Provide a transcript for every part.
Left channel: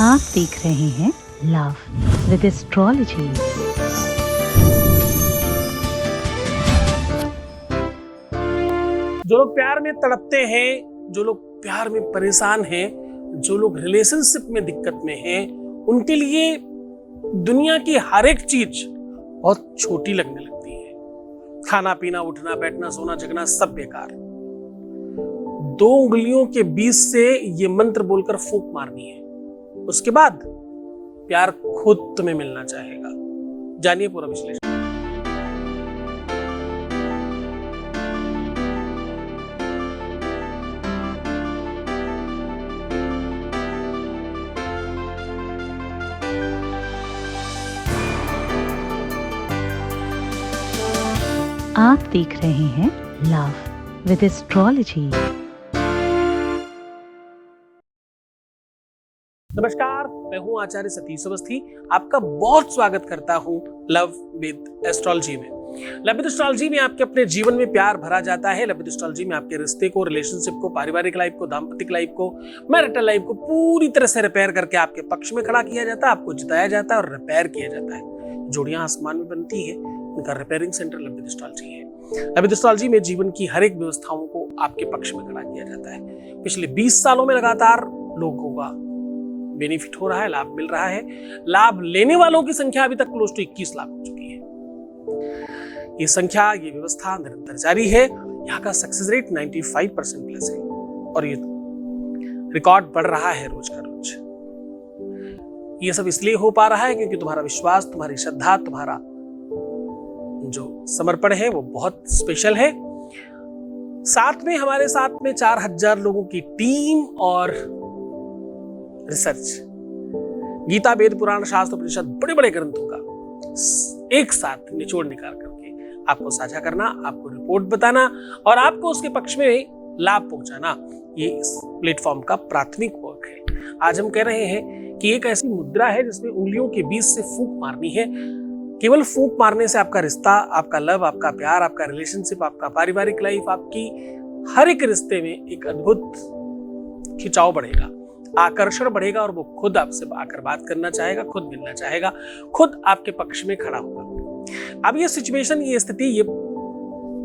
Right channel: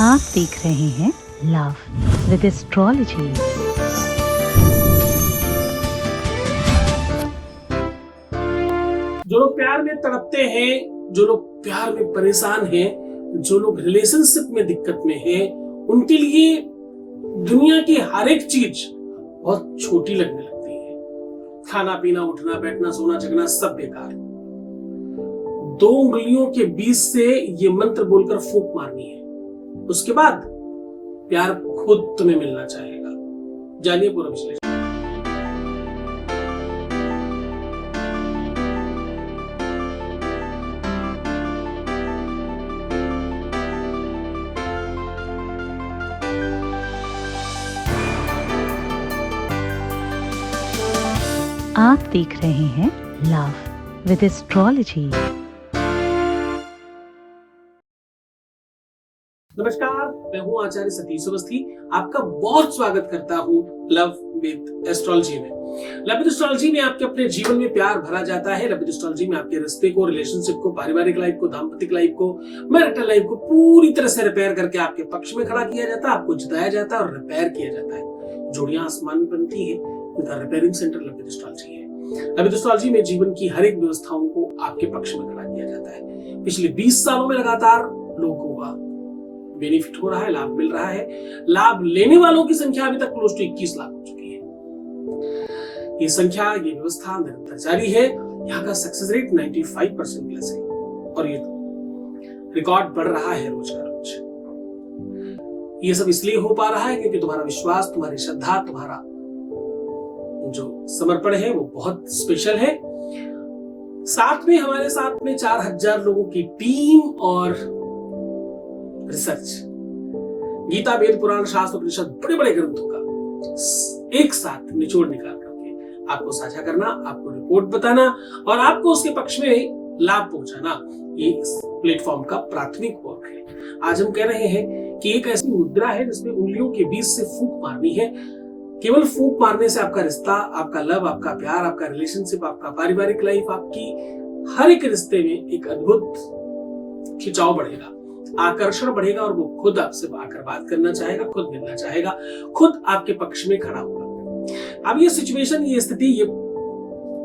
आप देख रहे हैं लव विद एस्ट्रोलॉजी। जो लोग प्यार में तड़पते हैं, जो लोग प्यार में परेशान हैं, जो लोग रिलेशनशिप में दिक्कत में हैं, उनके लिए दुनिया की हर एक चीज बहुत छोटी लगने लगती है। खाना पीना, उठना बैठना, सोना जगना सब बेकार। 2 उंगलियों के बीच से ये मंत्र बोलकर फूंक मारनी है, उसके बाद प्यार खुद तुम्हें मिलना चाहेगा। जानिए पूरा विश्लेषण। आप देख रहे हैं लव विद एस्ट्रोलॉजी। नमस्कार, मैं हूं आचार्य सतीश अवस्थी। आपका बहुत स्वागत करता हूं लव विद एस्ट्रोलॉजी में। लव विद एस्ट्रोलॉजी में आपके अपने जीवन में प्यार भरा जाता है। लव विद एस्ट्रोलॉजी में आपके रिश्ते को, रिलेशनशिप को, पारिवारिक लाइफ को, दाम्पतिक लाइफ को, मैरिटल लाइफ को पूरी तरह से रिपेयर करके आपके पक्ष में खड़ा किया जाता है, आपको जिताया जाता है और रिपेयर किया जाता है। जोड़ियां आसमान में बनती है, उनका repairing centre love with astrology है। लव विद एस्ट्रोलॉजी में जीवन की हर एक व्यवस्थाओं को आपके पक्ष में खड़ा किया जाता है। पिछले 20 सालों में लगातार लोगों का बेनिफिट हो रहा है, लाभ मिल रहा है। लाभ लेने वालों की संख्या अभी तक क्लोज टू 21 लाख हो चुकी है। ये संख्या, ये व्यवस्था निरंतर जारी है। यहाँ का सक्सेस रेट 95% प्लस है और ये रिकॉर्ड बढ़ रहा है रोज का रोज। ये सब इसलिए हो पा रहा है क्योंकि तुम्हारा विश्वास, तुम्हारी श्रद्धा, तुम्हारा जो समर्पण है वो बहुत स्पेशल है। साथ में हमारे साथ में 4000 लोगों की टीम और रिसर्च, गीता, वेद, पुराण, शास्त्र, उपनिषद, बड़े बड़े ग्रंथों का एक साथ निचोड़ निकाल करके आपको साझा करना, आपको रिपोर्ट बताना और आपको उसके पक्ष में लाभ पहुंचाना, ये इस प्लेटफॉर्म का प्राथमिक वर्क है। आज हम कह रहे हैं कि एक ऐसी मुद्रा है जिसमें उंगलियों के बीच से फूंक मारनी है। केवल फूंक मारने से आपका रिश्ता, आपका लव, आपका प्यार, आपका रिलेशनशिप, आपका पारिवारिक लाइफ, आपकी हर एक रिश्ते में एक अद्भुत खिंचाव बढ़ेगा, आकर्षण बढ़ेगा और वो खुद आपसे आकर बात करना चाहेगा, खुद मिलना चाहेगा, खुद आपके पक्ष में खड़ा होगा। अब ये सिचुएशन, ये स्थिति, ये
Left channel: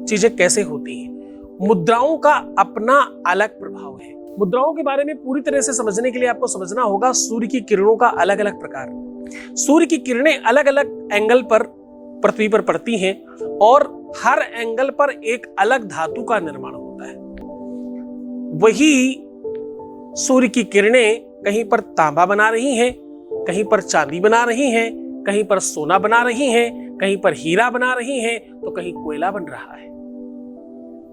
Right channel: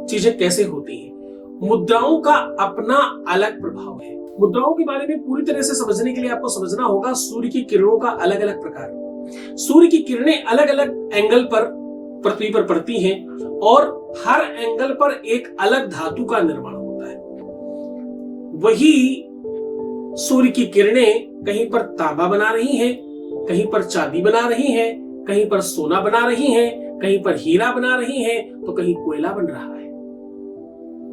चीजें कैसे होती हैं? मुद्राओं का अपना अलग प्रभाव है। मुद्राओं के बारे में पूरी तरह से समझने के लिए आपको समझना होगा सूर्य की किरणों का अलग अलग प्रकार। सूर्य की किरणें अलग अलग एंगल पर पृथ्वी पर पड़ती हैं और हर एंगल पर एक अलग धातु का निर्माण होता है। वही सूर्य की किरणें कहीं पर तांबा बना रही हैं, कहीं पर चांदी बना रही हैं, कहीं पर सोना बना रही हैं, कहीं पर हीरा बना रही हैं, तो कहीं कोयला बन रहा है,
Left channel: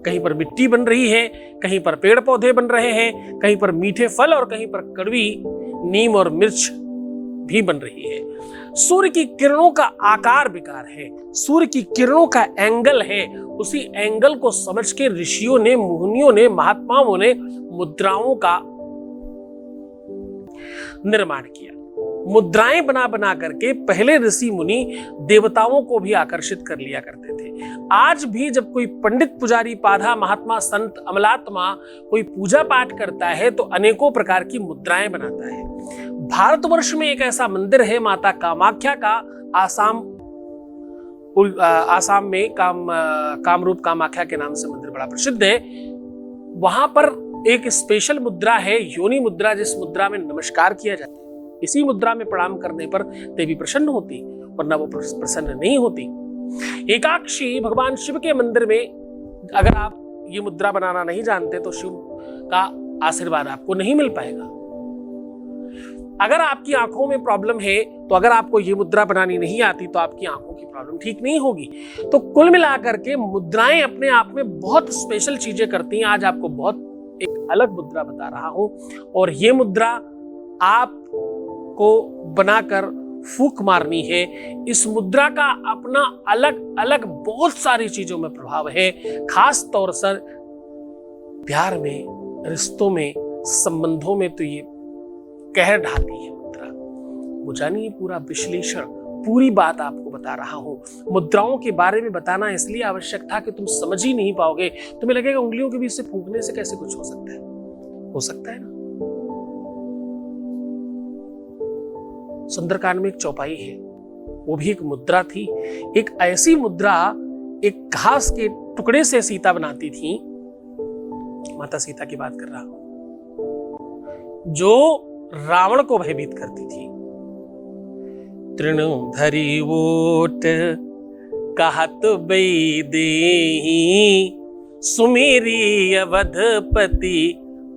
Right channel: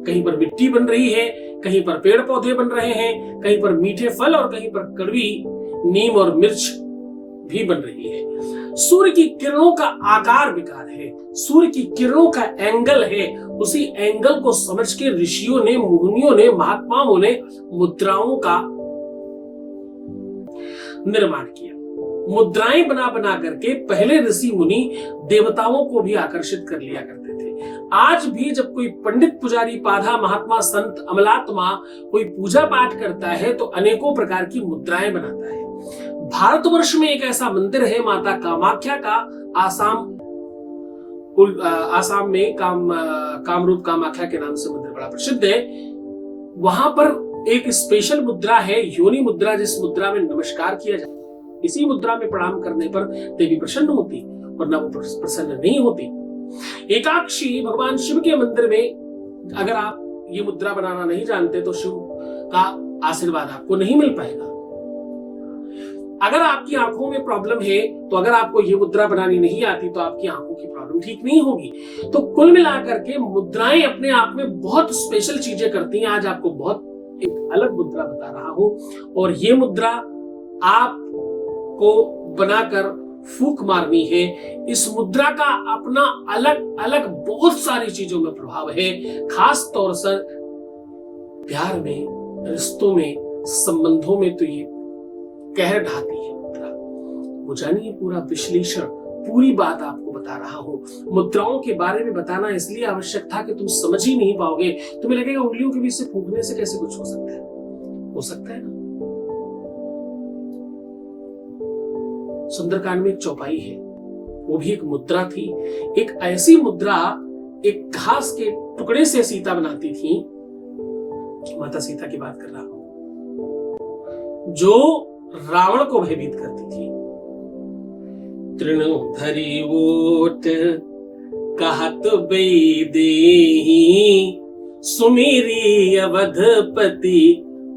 कहीं पर मिट्टी बन रही है, कहीं पर पेड़ पौधे बन रहे हैं, कहीं पर मीठे फल और कहीं पर कड़वी नीम और मिर्च भी बन रही है। सूर्य की किरणों का आकार विकार है, सूर्य की किरणों का एंगल है। उसी एंगल को समझ के ऋषियों ने, मुनियों ने, महात्माओं ने मुद्राओं का निर्माण किया। मुद्राएं बना बना करके पहले ऋषि मुनि देवताओं को भी आकर्षित कर लिया करते थे। आज भी जब कोई पंडित, पुजारी, पाधा, महात्मा, संत, अमलात्मा कोई पूजा पाठ करता है तो अनेकों प्रकार की मुद्राएं बनाता है। भारतवर्ष में एक ऐसा मंदिर है माता कामाख्या का, आसाम में कामरूप कामाख्या के नाम से मंदिर बड़ा प्रसिद्ध है। वहां पर एक स्पेशल मुद्रा है, योनि मुद्रा, जिस मुद्रा में नमस्कार किया जाता है। इसी मुद्रा में प्रणाम करने पर देवी प्रसन्न होती, वरना वो प्रसन्न नहीं होती। एकाक्षी भगवान शिव के मंदिर में अगर आप ये मुद्रा बनाना नहीं जानते तो शिव का आशीर्वाद आपको नहीं मिल पाएगा। अगर आपकी आंखों में प्रॉब्लम है तो अगर आपको ये मुद्रा बनानी नहीं आती तो आपकी आंखों की प्रॉब्लम ठीक नहीं होगी। तो कुल मिलाकर के मुद्राएं अपने आप में बहुत स्पेशल चीजें करती हैं। आज आपको बहुत एक अलग मुद्रा बता रहा हूं और ये मुद्रा आपको बनाकर फूंक मारनी है। इस मुद्रा का अपना अलग अलग बहुत सारी चीजों में प्रभाव है, खास तौर से प्यार में, रिश्तों में, संबंधों में तो ये कहर ढाती है मुद्रा। वो जानिए पूरा विश्लेषण, पूरी बात आपको बता रहा हूं। मुद्राओं के बारे में बताना इसलिए आवश्यक था कि तुम समझ ही नहीं पाओगे। तुम्हें लगेगा उंगलियों के बीच से फूंकने से कैसे कुछ हो सकता है। हो सकता है ना। सुंदरकांड में एक चौपाई है, वो भी एक मुद्रा थी। एक ऐसी मुद्रा एक घास के टुकड़े से सीता बनाती थी, माता सीता की बात कर रहा हूं, जो रावण को भयभीत करती थी। तृणधरी ओट कहत देहि, सुमेरी अवधपति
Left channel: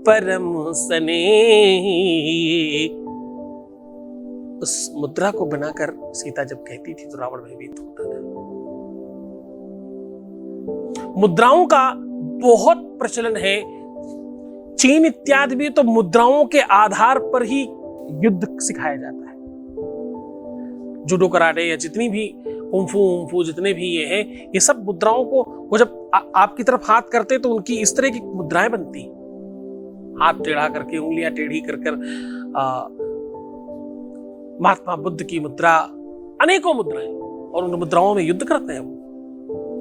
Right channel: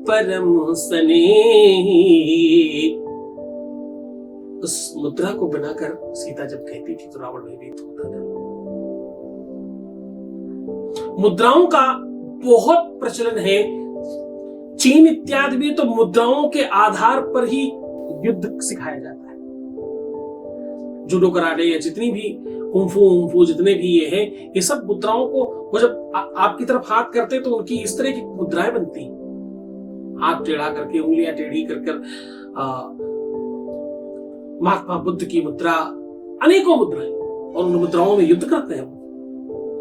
परम स्नेही। उस मुद्रा को बनाकर सीता जब कहती थी तो रावण भयभीत होता था। मुद्राओं का बहुत प्रचलन है। चीन इत्यादि में तो मुद्राओं के आधार पर ही युद्ध सिखाया जाता है। जूडो कराटे या जितनी भी कुंफू जितने भी ये हैं, ये सब मुद्राओं को, वो जब आपकी तरफ हाथ करते तो उनकी इस तरह की मुद्राएं बनती, हाथ टेढ़ा करके, उंगलियां टेढ़ी कर महात्मा बुद्ध की मुद्रा, अनेकों मुद्राएं, और उन मुद्राओं में युद्ध करते हैं।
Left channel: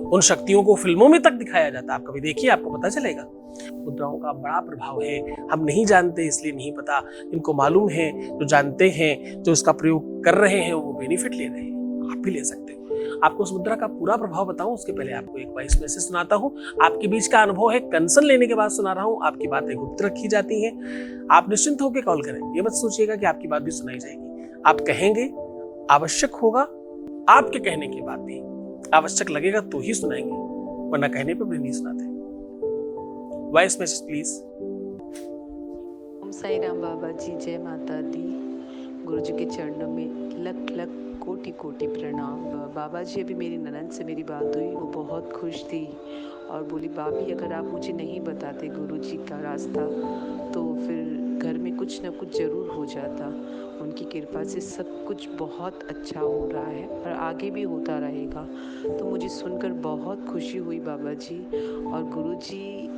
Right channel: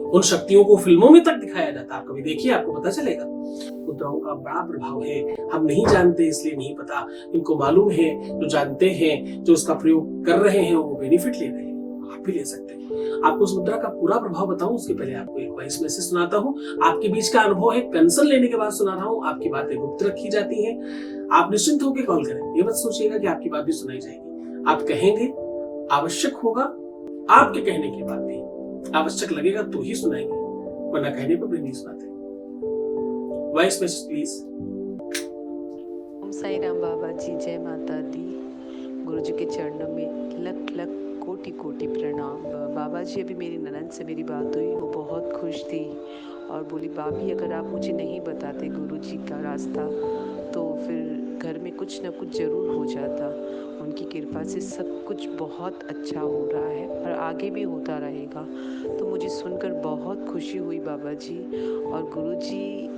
उन शक्तियों को फिल्मों में तक दिखाया जाता है। आप कभी देखिए, आपको पता चलेगा। मुद्राओं का बड़ा प्रभाव है। हम नहीं जानते इसलिए नहीं पता, इनको मालूम है, जो जानते हैं, जो उसका प्रयोग कर रहे हैं, वो बेनिफिट ले रहे हैं। आप भी ले सकते हैं। आपको उस मुद्रा का पूरा प्रभाव बताऊं उसके पहले आपको एक वॉइस मैसेज सुनाता हूं। आपके बीच का अनुभव है, कंसल्ट लेने के बाद सुना रहा हूं। आपकी बातें गुप्त रखी जाती हैं। आप निश्चिंत होकर कॉल करें। ये मत सोचिएगा कि आपकी बात भी सुनाई जाएगी। आप कहेंगे, आवश्यक होगा, आपके कहने की बात भी आवश्यक लगेगा तो ही सुनाएंगे, वरना कहने पर भी नहीं सुनाते। Voice message please. Om Sai Ram Baba ji, जय माता दी। गुरु जी के चरणों में लख लख कोटि कोटि प्रणाम। बाबा जी, अभी मेरी ननद से मेरी बात हुई, वो बहुत खुश थी और बोली, भाभी अगर आप मुझे नहीं बताते गुरु जी का रास्ता तो फिर घर में कुछ न कुछ ज़रूर हो जाता। उनकी कृपा से सब कुछ बहुत अच्छा हो रहा है और आगे भी होता रहेगा। तो मुझे सुनकर बहुत खुशी हुई बाबा जी, और गुरु जी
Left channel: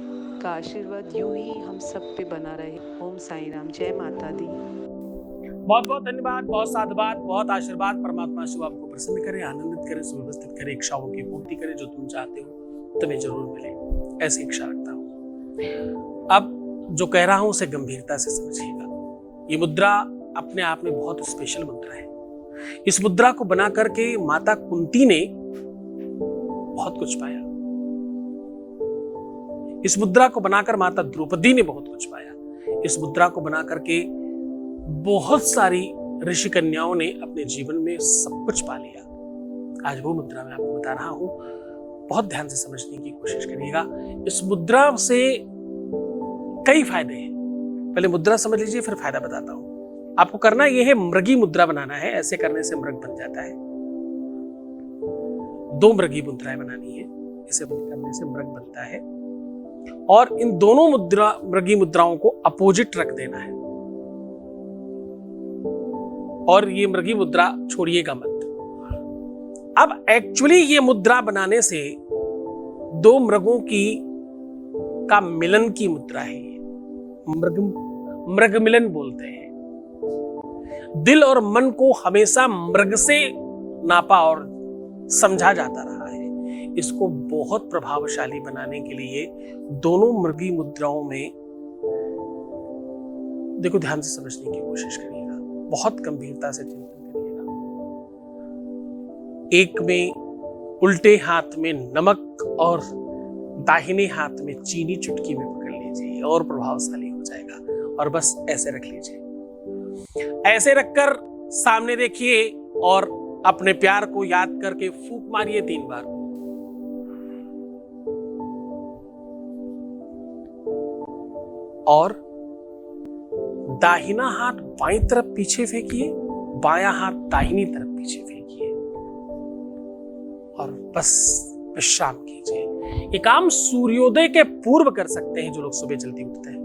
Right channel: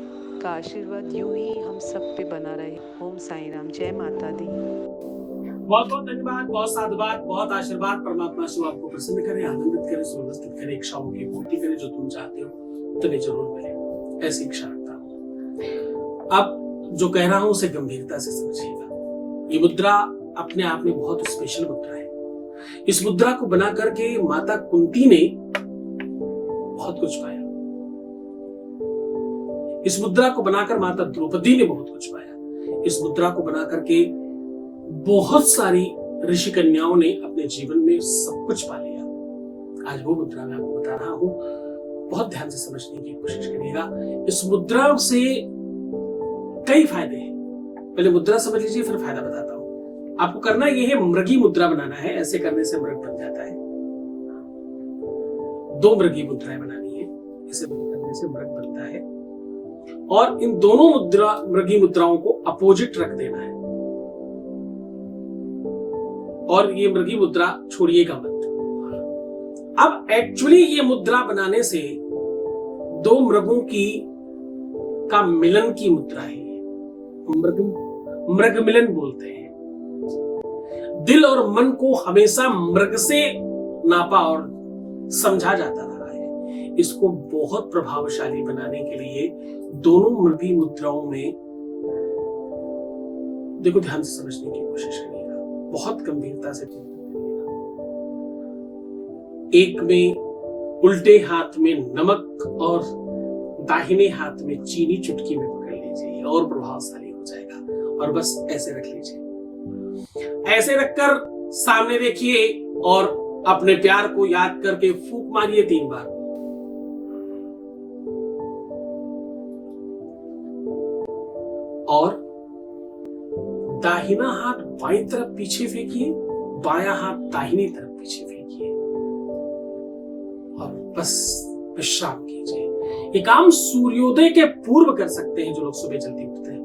का आशीर्वाद यूं ही हम सब पे बना रहे। ओम साई राम, जय माता दी। बहुत बहुत धन्यवाद, बहुत साधुवाद, बहुत आशीर्वाद। परमात्मा शिव आपको प्रसन्न करे, आनंदित करे, सुव्यवस्थित करे, इच्छाओं की पूर्ति करे। जो तुम चाहते हो तुम्हें जरूर मिले, ऐसी इच्छा रखता हूँ। अब जो कह रहा हूं उसे गंभीरता से समझिएगा। ये मुद्रा अपने आप में बहुत स्पेशल मुद्रा है। इस मुद्रा को बना करके माता कुंती ने बहुत कुछ पाया। इस मुद्रा को बनाकर माता द्रौपदी ने बहुत कुछ पाया। इस मुद्रा को बना करके बहुत सारी ऋषि कन्याओं ने अपने जीवन में सब कुछ पा लिया। आज वो मुद्रा मैं आपको बता रहा हूं, बहुत ध्यान से समझने की कोशिश करिएगा। इस मुद्रा से कई फायदे हैं। पहले मुद्रा समझ लीजिए, फिर फायदा बताता हूं। आपको करना यह है, मृगी मुद्रा बनाना है। ऐसे करने से मृग बन जाता है। 2 मृगी मुद्राएं बनानी है, इसे करने से मृग बनता है। और इन दोनों मृगी मुद्राओं को अपोजिट रख देना है। और ये मृगी मुद्रा छोड़िएगा मत। अब एक्चुअली ये मुद्रा बनाने से 2 मृगों का मिलन की मुद्रा है। मृग मिलन बोलते हैं। दिल और मन को हमेशा मृग से नापा और समझा जाता रहा है। इसको बहुत प्रभावशाली बनाने के लिए दोनों मृगी मुद्राओं में, देखो ध्यान से समझने की कोशिश करिएगा, बहुत गंभीरता से करिएगा। एक में उल्टे हाथ में नमक और दाहिने हाथ में चीनी चुटकी में पकड़ लीजिए और प्रभावशाली हो जाएगा। और बस ऐसे रख लीजिए, ऐसे रखकर सामने देखिए और अपने प्यार को याद करके फूंक मारिए 3 बार। और दाहिना हाथ बाईं तरफ पीछे फेंकिए, बायां हाथ दाहिनी तरफ पीछे फेंकिए और बस विश्राम कीजिए। ये काम सूर्योदय के पूर्व कर सकते हैं जो लोग सुबह जल्दी उठते हैं।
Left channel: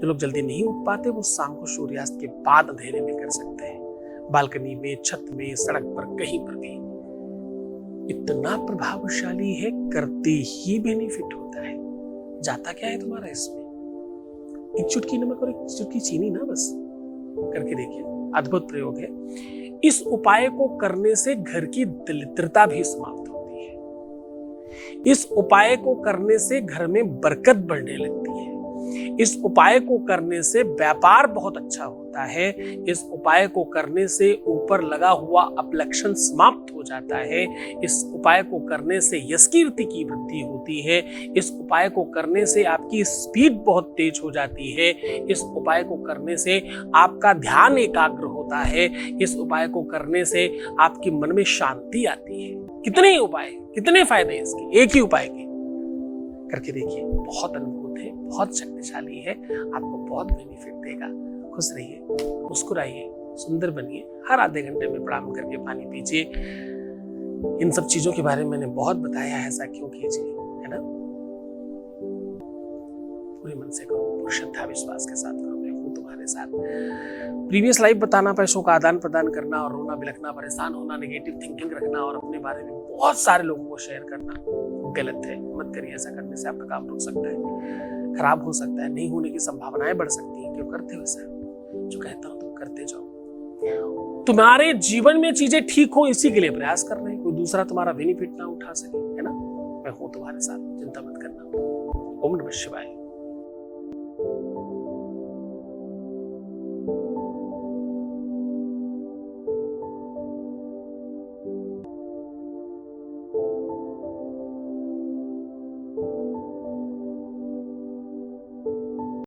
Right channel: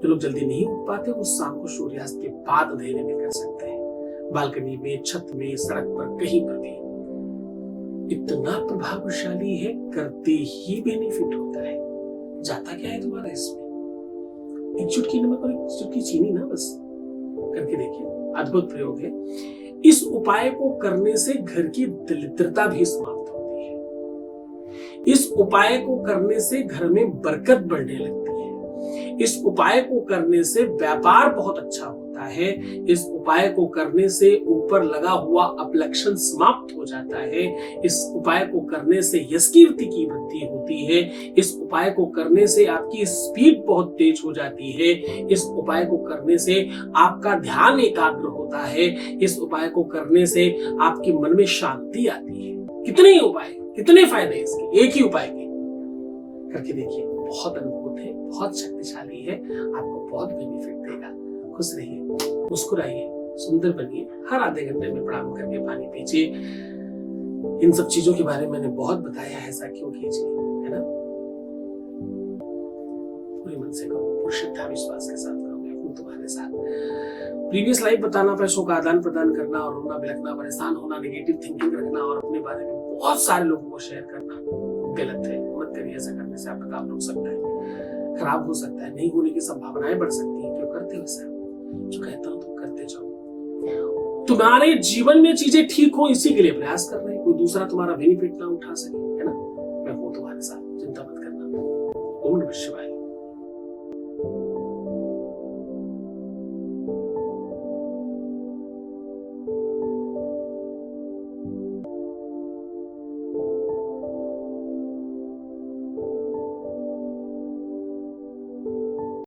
जो लोग जल्दी नहीं उठ पाते वो शाम को सूर्यास्त के बाद अंधेरे में कर सकते हैं, बालकनी में, छत में, सड़क पर, कहीं पर भी। इतना प्रभावशाली है, करते ही बेनिफिट होता है। जाता क्या है तुम्हारा इसमें? एक चुटकी नमक और एक चुटकी चीनी ना, बस करके देखिए, अद्भुत प्रयोग है। इस उपाय को करने से घर की दरिद्रता भी समाप्त होती है। इस उपाय को करने से घर में बरकत बढ़ने लगती है। इस उपाय को करने से व्यापार बहुत अच्छा होता जाता है। इस उपाय को करने से ऊपर लगा हुआ अपलक्षण समाप्त हो जाता है। इस उपाय को करने से यश कीर्ति की वृद्धि होती है। इस उपाय को करने से आपकी स्पीड बहुत तेज हो जाती है। इस उपाय को करने से आपका ध्यान एकाग्र होता है। इस उपाय को करने से आपके मन में शांति आती है। कितने उपाय, कितने फायदे इसके, एक ही उपाय के करके देखिए। बहुत अद्भुत है, बहुत शक्तिशाली है, आपको बहुत बेनिफिट देगा। खुश रहिए, मुस्कुराइए, सुंदर बनिए। हर आधे घंटे में प्रणाम करके पानी पीजिए। इन सब चीजों के बारे में मैंने बहुत बताया है, ऐसा क्यों कीजिए, है ना। पूरे मन से करो, पूरी श्रद्धा विश्वास के साथ करो, मैं हूं तुम्हारे साथ। प्रीवियस लाइफ बताना, पैसों का आदान प्रदान करना और रोना बिलखना, परेशान होना, नेगेटिव थिंकिंग रखना और अपने बारे में बहुत सारे लोगों को शेयर करना गलत है। मत करिए, ऐसा करने से आपका काम रुक सकता है, खराब हो सकता है, नहीं होने की संभावनाएं बढ़ सकती है। क्यों करते हो ऐसा? जो कहता हूं तुम करते जाओ। तुम्हारे जीवन में चीजें ठीक हो, इसी के लिए प्रयास कर रहे हैं। कोई दूसरा तुम्हारा बेनिफिट ना उठा सके, है ना। मैं हूं तुम्हारे साथ, चिंता मत करना। ओम नमः शिवाय।